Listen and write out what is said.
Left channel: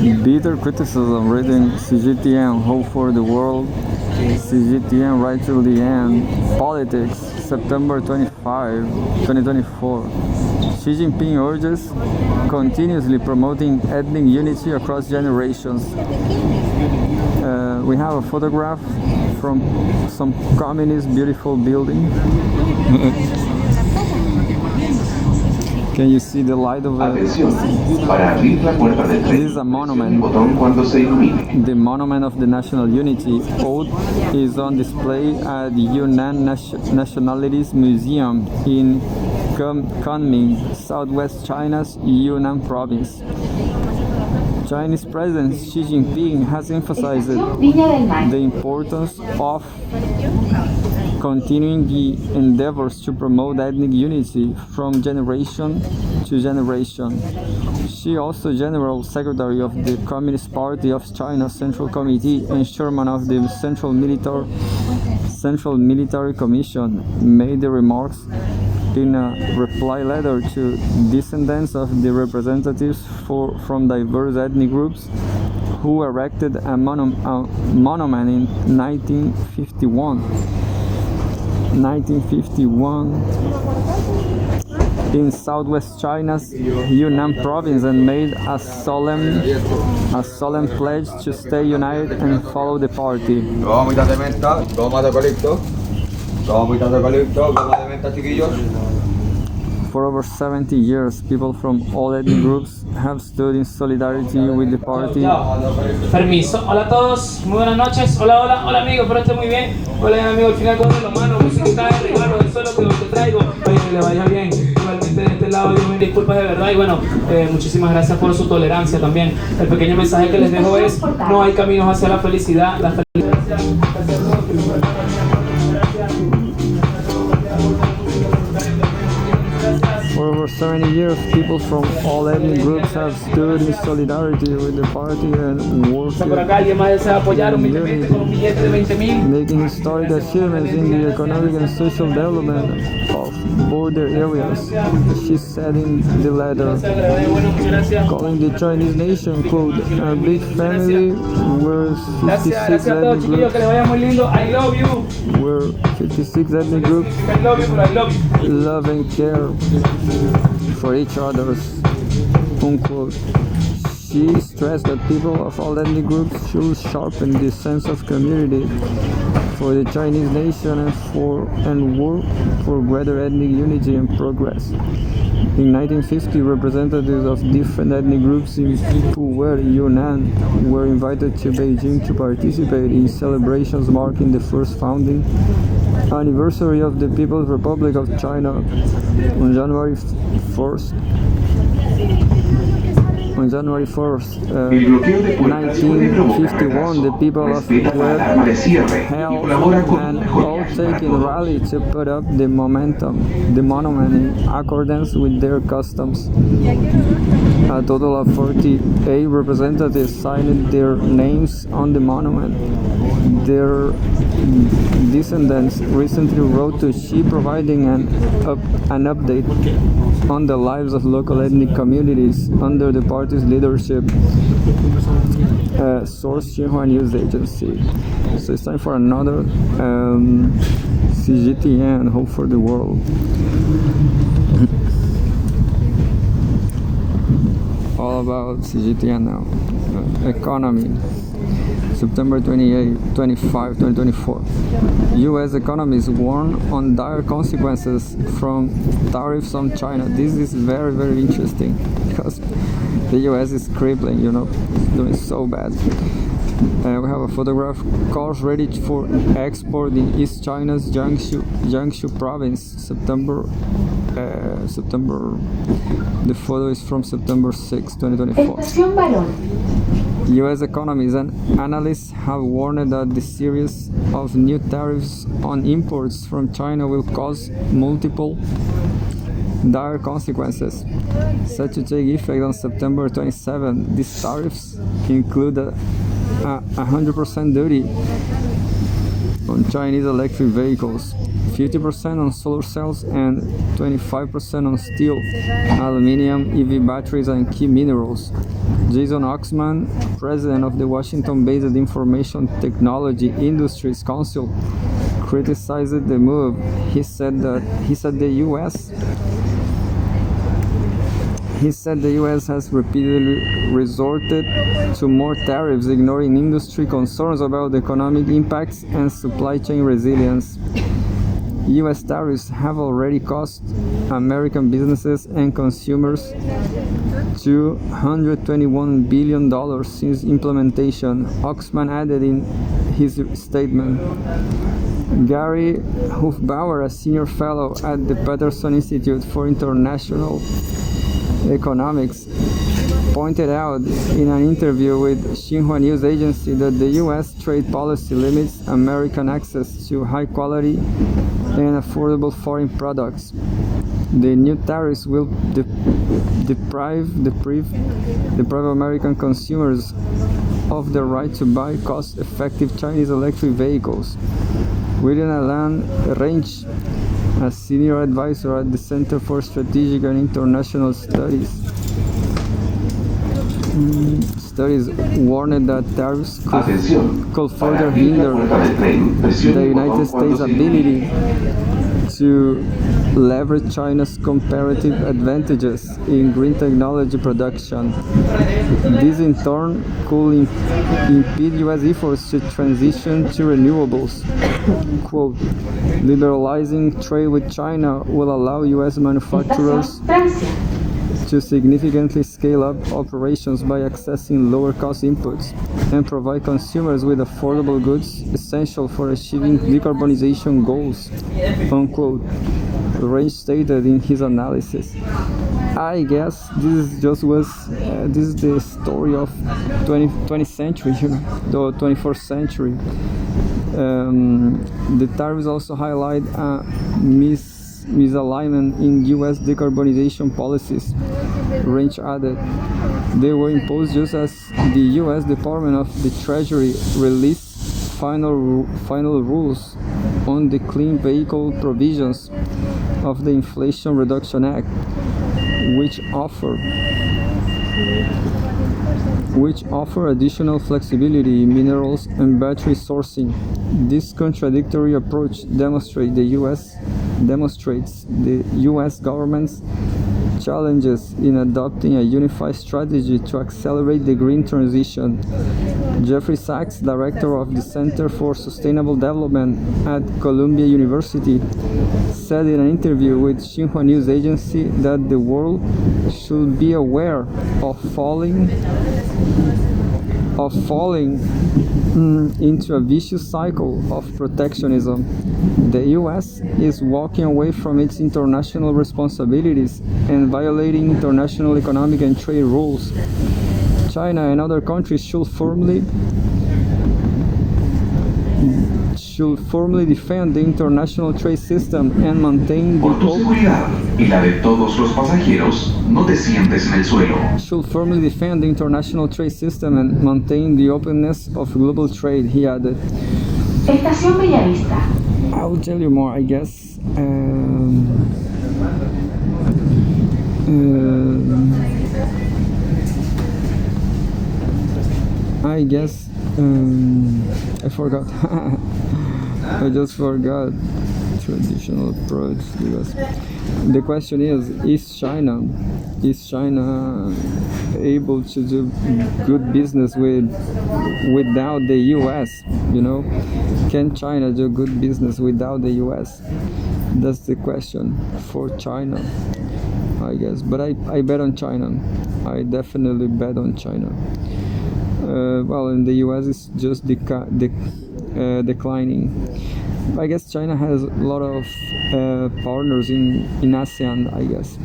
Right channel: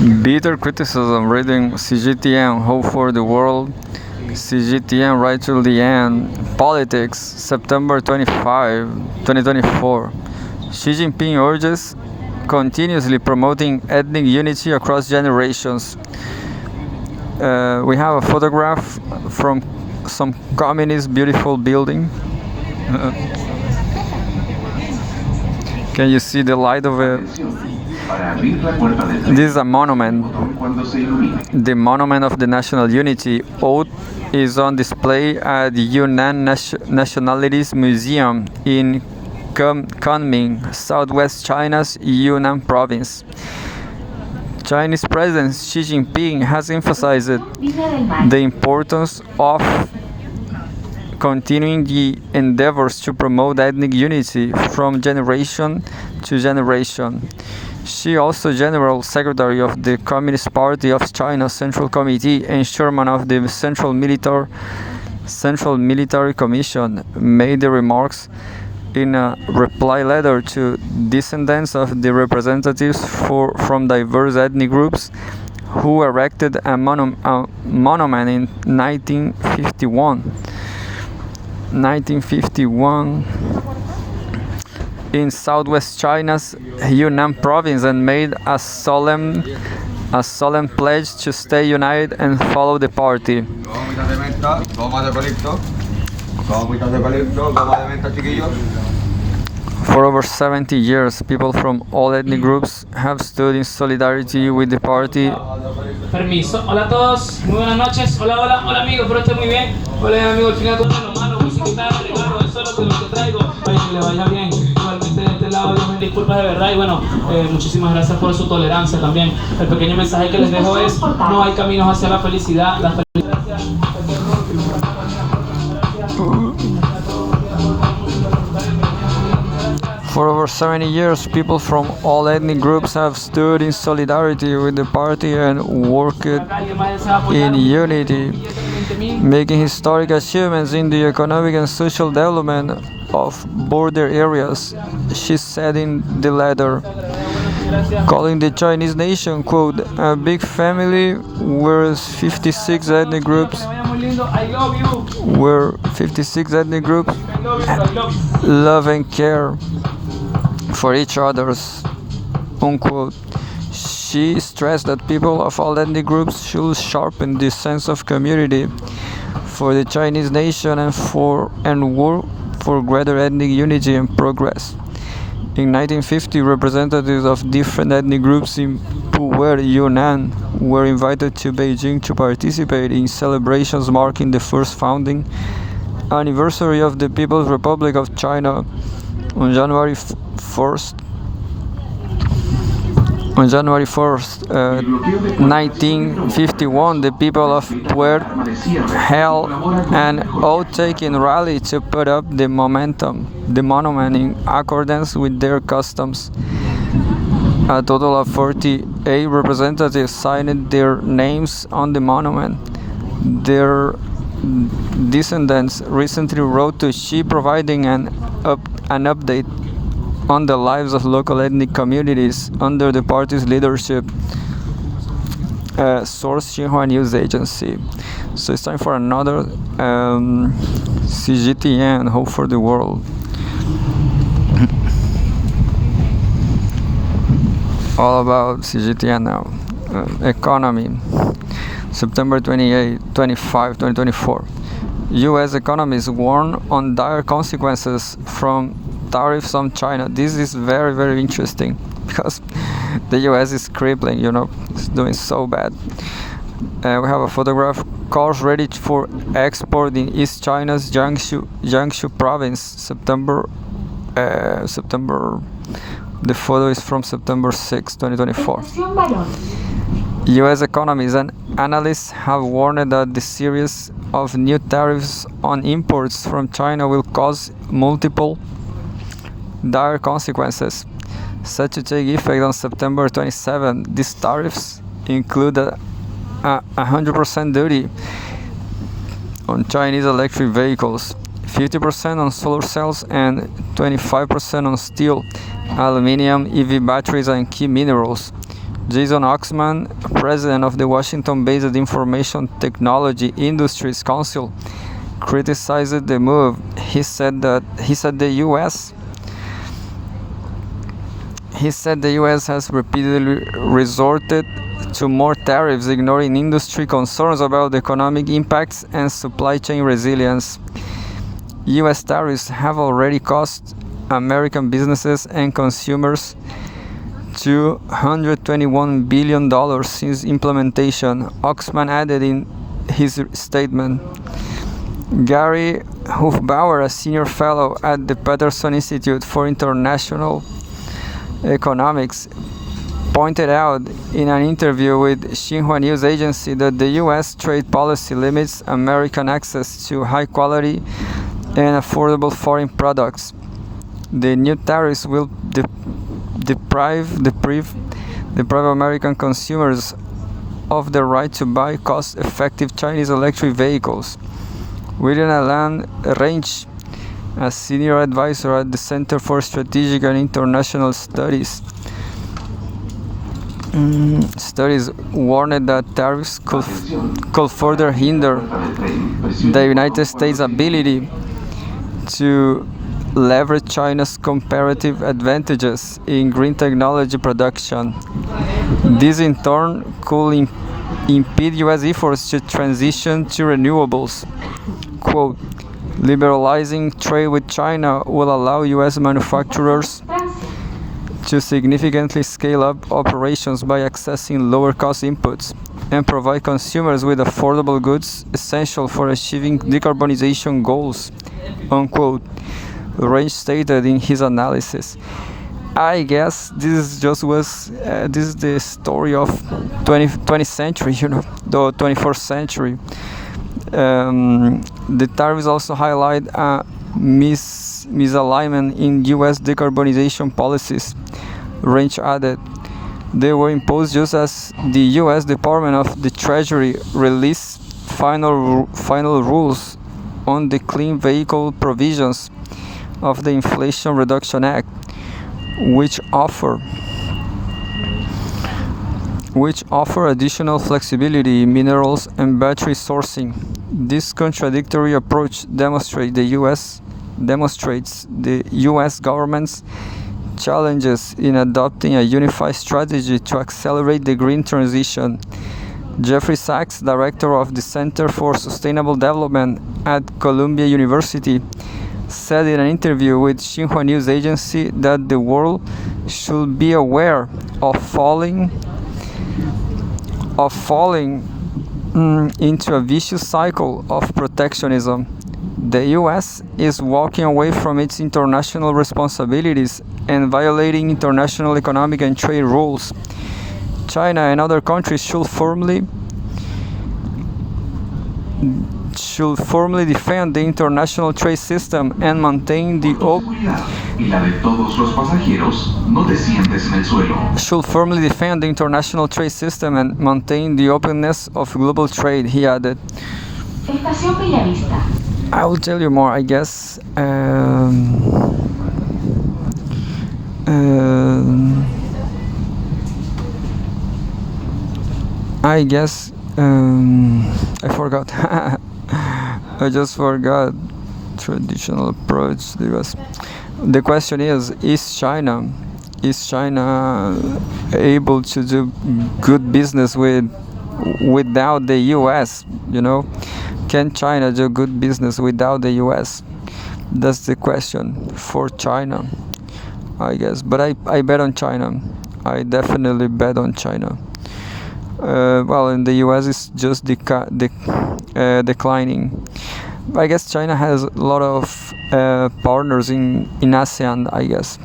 Bitter criticism reading Cgtn Hope for the World, Cgtn Right to the End, Politics, September 25, 2024. Xi Jinping urges continuously promoting ethnic unity across generations. We have a photograph from some communist beautiful building. Can you see the light of it? This is a monument. The monument of the national unity oath is on display at the Yunnan Nationalities Museum in Kunming, southwest China's Yunnan province. Chinese President Xi Jinping has emphasized the importance of continuing the endeavors to promote ethnic unity from generation to generation. She also General Secretary of the Communist Party of China Central Committee and Chairman of the Central Military Commission made the remarks in a reply letter to descendants of the representatives from diverse ethnic groups who erected a monument in 1951 in southwest China's Yunnan province and made a solemn pledge to stay united and follow the party. For over 70 years, people from all ethnic groups have stood in solidarity with the party. Permiso. Hola a todos, muy buenas noches. Hola, hola, hola amigos, espero estén muy bien. Hola amigos, al final con los manos, musiquita de regalo, del solo que lo que traigo. Oye, que le vaya bien. Igualmente de este lado yo me disculpo de verdad y bueno, muchísimas gracias por su tolerancia también. El pequeño mensaje que les dejo es, no hay caminos hacia la felicidad. La felicidad. For over 70 years, people from all ethnic groups have stood in solidarity with the party and worked in unity, making historic achievements in the economic and social development of border areas, she said in the letter, calling the Chinese nation, quote, a big family where 56 ethnic groups love and care for each other's, unquote. She stressed that people of all ethnic groups should sharpen this sense of community for the Chinese nation and work for greater ethnic unity and progress. In 1950, representatives of different ethnic groups in Pu'er, Yunnan, were invited to Beijing to participate in celebrations marking the first founding anniversary of the People's Republic of China on January 1st. On January 1st, 1951, the people of Pu'er held an oath-taking rally to put up the monument in accordance with their customs. A total of 48 representatives signed their names on the monument. Their descendants recently wrote to Xi providing an update on the lives of local ethnic communities under the party's leadership, source Xinhua News Agency. So it's time for another Cgtn Hope for the World. All about Cgtn now. Economy. September 28, 25, 2024. U.S. economists warn on dire consequences from tariffs on China. This is very, very interesting because the U.S. is crippling, it's doing so bad. We have a photograph. Cars ready for export in East China's Jiangsu province. September. The photo is from September 6, 2024. U.S. economists and analysts have warned that the series of new tariffs on imports from China will cause multiple dire consequences, set to take effect on September 27. These tariffs include a 100% duty on Chinese electric vehicles, 50% on solar cells, and 25% on steel, aluminum, EV batteries, and key minerals. Jason Oxman, president of the Washington-based Information Technology Industries Council, criticized the move. He said the U.S. has repeatedly resorted to more tariffs, ignoring industry concerns about economic impacts and supply chain resilience. U.S. tariffs have already cost American businesses and consumers $221 billion since implementation, Oxman added in his statement. Gary Hufbauer, a senior fellow at the Peterson Institute for International Economics, pointed out in an interview with Xinhua News Agency that the U.S. trade policy limits American access to high-quality and affordable foreign products. The new tariffs will deprive American consumers of the right to buy cost-effective Chinese electric vehicles. William Alan Range, a senior advisor at the Center for Strategic and International Studies, warned that tariffs could further hinder the United States' ability to leverage China's comparative advantages in green technology production. This in turn could impede U.S. efforts to transition to renewables. Quote, liberalizing trade with China will allow U.S. manufacturers to significantly scale up operations by accessing lower-cost inputs and provide consumers with affordable goods essential for achieving decarbonization goals, unquote, Range stated in his analysis. I guess this is the story of 20th century, the 21st century. The tariffs also highlight a misalignment in U.S. decarbonization policies, Range added. They were imposed just as the U.S. Department of the Treasury released final rules on the clean vehicle provisions of the Inflation Reduction Act, which offer additional flexibility in minerals and battery sourcing. This contradictory approach demonstrates the U.S. government's challenges in adopting a unified strategy to accelerate the green transition. Jeffrey Sachs, director of the Center for Sustainable Development at Columbia University, said in an interview with Xinhua News Agency that the world should be aware of falling into a vicious cycle of protectionism. The U.S. is walking away from its international responsibilities and violating international economic and trade rules. China and other countries should firmly defend the international trade system and maintain the openness of global trade, he added. I will tell you more, I guess. I forgot. I just forgot. Traditional approach. The question is China able to do good business without the U.S.? Can China do good business without the U.S.? That's the question for China, I guess. But I bet on China. I definitely bet on China. In the U.S. it's just declining. I guess China has a lot of partners in ASEAN, I guess.